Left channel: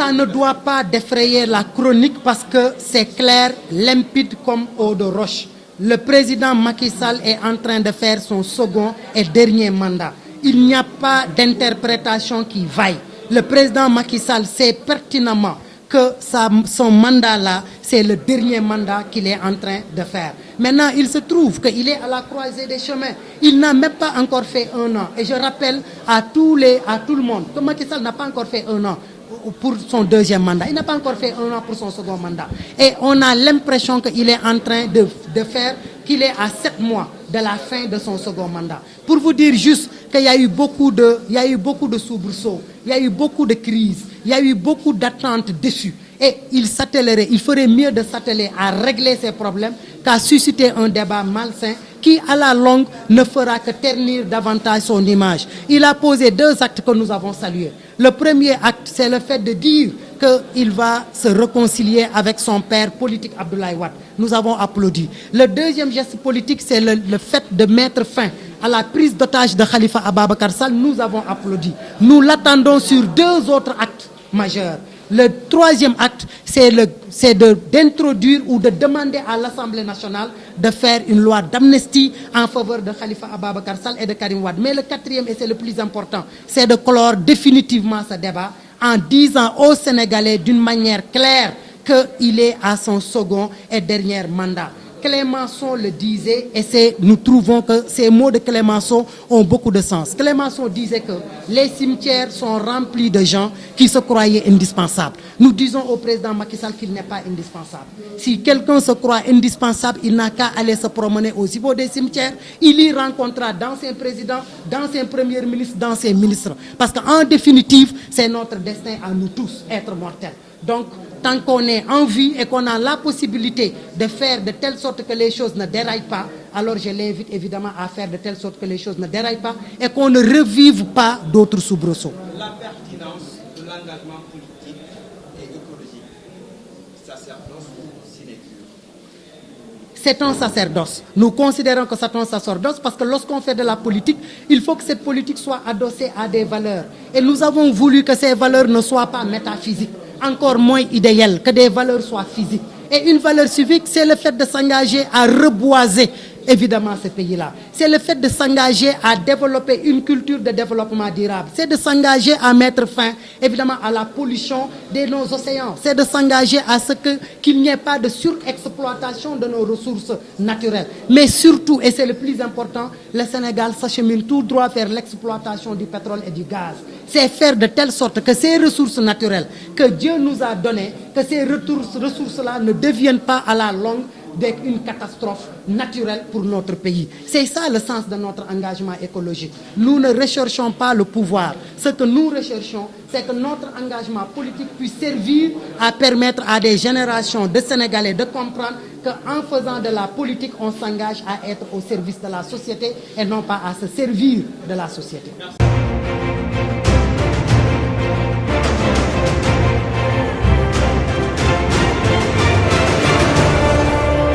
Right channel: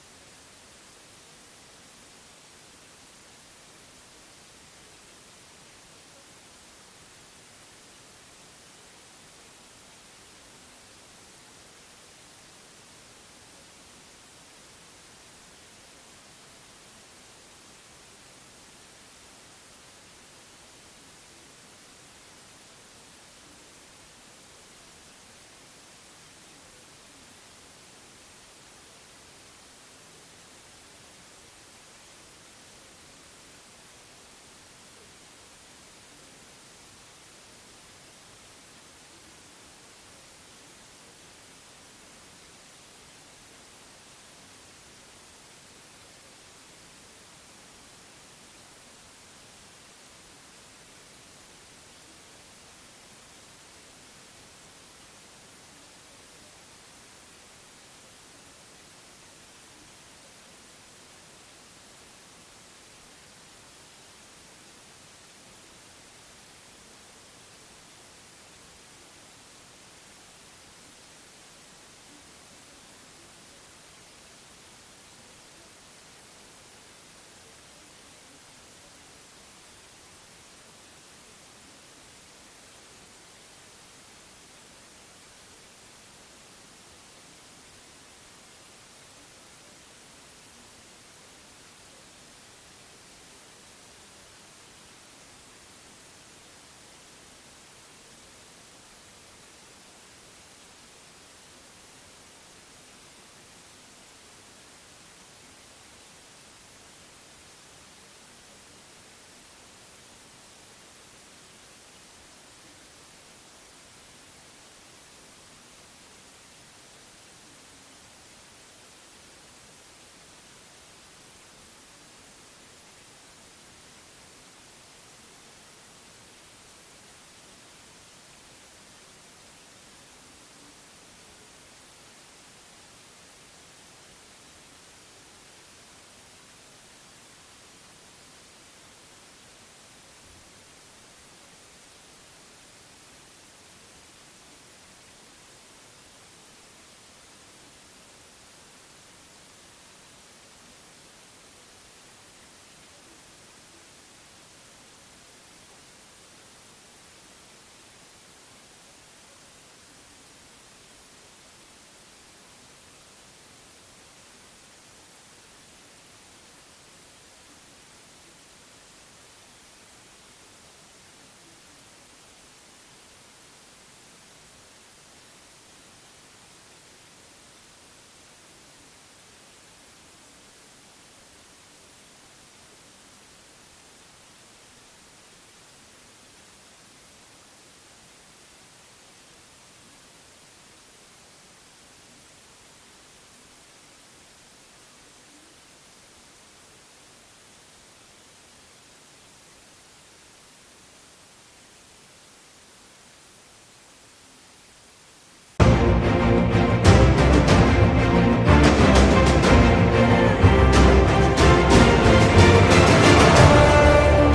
ça ne doit pas défrayer la chronique parce que c'est clair, limpide comme eau de roche. Le président Macky Sall est en train de faire son second et dernier mandat. Il n'y a pas d'interprétation qui vaille. Le président Macky Sall sait pertinemment que son mandat-là, c'est le dernier mandat qu'il est en train de faire. Maintenant, il se trouve qu'il est à la croisée des chemins. Il n'a même pas encore fait 1 an. Et je rappelle à tout le monde que Macky Sall n'a pas encore fait 1 an pour son deuxième mandat. Il n'a pas encore fait 1 an pour son second mandat. Et on a l'impression qu'il est en train de faire, qu'il est à 7 mois de la fin de son second mandat. Pour vous dire juste qu'il y a eu beaucoup de soubresauts, il y a eu beaucoup de crises, il y a eu beaucoup d'attentes déçues. Et il ferait mieux de s'atteler à régler ces problèmes qu'à susciter un débat malsain qui, à la longue, ne fera que ternir davantage son image. Il a posé 2 actes que nous avons salués. Le premier acte, c'est le fait de dire qu'il va se réconcilier avec son père politique Abdoulaye Wade. Nous avons applaudi. Le deuxième geste politique, c'est le fait de mettre fin à la prise d'otage de Khalifa Ababacar Sall. Nous avons applaudi. Nous l'attendons sur 2 autres actes majeurs. Le troisième acte, c'est d'introduire ou de demander à l'Assemblée nationale de faire une loi d'amnistie en faveur de Khalifa Ababacar Sall et de Karim Wade. Mais le quatrième, et c'est le plus important, c'est de clore définitivement ce débat en disant aux Sénégalais d'une manière claire qu'il est à son second et dernier mandat. Clémenceau le disait, et nous trouvons que ces mots de Clémenceau ont beaucoup de sens. Clémenceau disait que les cimetières sont remplis de gens qui se croyaient indispensables. Nous disons au président Macky Sall qu'il n'est pas indispensable. Si quelqu'un se croit indispensable, il n'a qu'à aller se promener au niveau des cimetières. Il y rencontrera d'anciens présidents, d'anciens premiers ministres, d'anciens ministres. Parce qu'en définitive, c'est notre destin à nous tous, être mortels. Donc, tant qu'on est en vie et qu'on a la possibilité de faire de telle sorte que les choses ne déraillent pas, alors je l'invite évidemment à faire de telle sorte que les choses ne déraillent pas et qu'on ne revive pas d'autres soubresauts. La pertinence de l'engagement politique et écologique. Sacerdoce ou cinétique. C'est un sacerdoce. Nous considérons que c'est un sacerdoce parce que lorsqu'on fait de la politique, il faut que cette politique soit adossée à des valeurs. Et nous avons voulu que ces valeurs ne soient pas métaphysiques, encore moins idéales, que des valeurs soient physiques. Et une valeur civique, c'est le fait de s'engager à reboiser évidemment ce pays-là. C'est le fait de s'engager à développer une culture de développement durable. C'est de s'engager à mettre fin évidemment à la pollution de nos océans. C'est de s'engager à ce qu'il n'y ait pas de surexploitation de nos ressources naturelles. Mais surtout, et c'est le plus important, le Sénégal s'achemine tout droit vers l'exploitation du pétrole et du gaz. C'est faire de telle sorte que ces ressources naturelles que Dieu nous a données, que ces ressources-là ne deviennent pas à la longue une catastrophe naturelle pour notre pays. C'est ça le sens de notre engagement écologique. Nous ne recherchons pas le pouvoir. Ce que nous recherchons, c'est que notre engagement politique puisse servir à permettre à des générations de Sénégalais de comprendre qu'en faisant de la politique, on s'engage à être au service de la société et non pas à se servir de la société. Merci.